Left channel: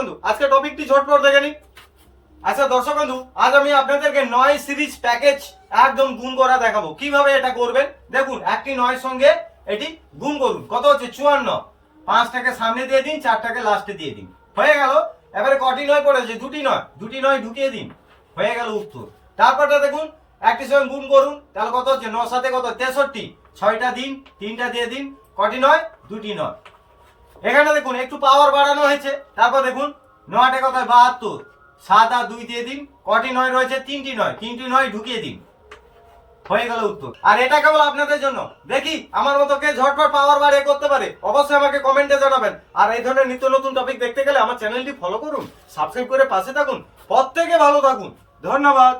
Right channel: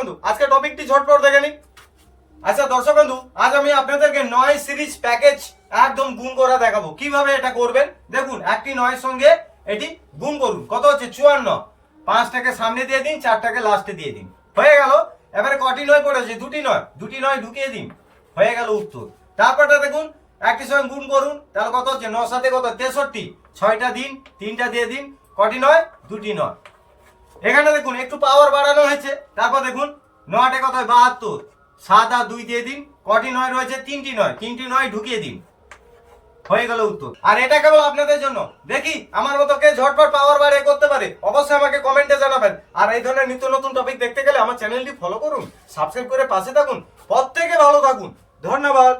বন্ধু, আজকে টপিকটি ঝটপট দেখে নিই। আচ্ছা দর্শক বন্ধু, আজ আমি আপনাদেরকে 9 সিরিজ প্যাকেজ একদম গুণ করে দেখাবো কিভাবে এটা করবেন। দেখুন, একটি 9 সঙ্গে এটি গুণ করুন। কত হচ্ছে? 54। 5টাকে সামনে দিয়ে দিন, 4টাকে লাস্টে দিয়ে দিন, হয়ে গেল। এবারে কটি 9 পড়েছে? দুটি নয় ঢুকিয়ে দিন, হয়ে গেল উত্তর। তারপরটা দেখুন, একটি সঙ্গে গুণ করুন, তাহলে কত হচ্ছে? 9 সাথে কত? 63। 6টা দিন, 3টা দিয়ে দিন, কটি 9? দুটি 9। এখানে দেখুন একটু পাওয়ার বাড়ানো হয়েছে। তারপর দেখুন 9টে কত? 72। 7 আর 2 দিয়ে দিন, কটি 9 রয়েছে? তিনটি 9 ঢুকিয়ে দিন, হয়ে গেল উত্তর। আর এটা কেবল আপনাদের জন্য। দেখি আমার মতো কে ঝটপট পাওয়ার বাড়িয়ে করতে পারে, অবশ্যই আমাকে কমেন্টে জানাবেন। আর এই ধরনের নিত্য নতুন টপিক দেখতে গেলে আমার চ্যানেলটি ফলো করুন, সাবস্ক্রাইব করে পাশে থাকুন। প্রত্যেকে ভালো থাকুন, ধন্যবাদ।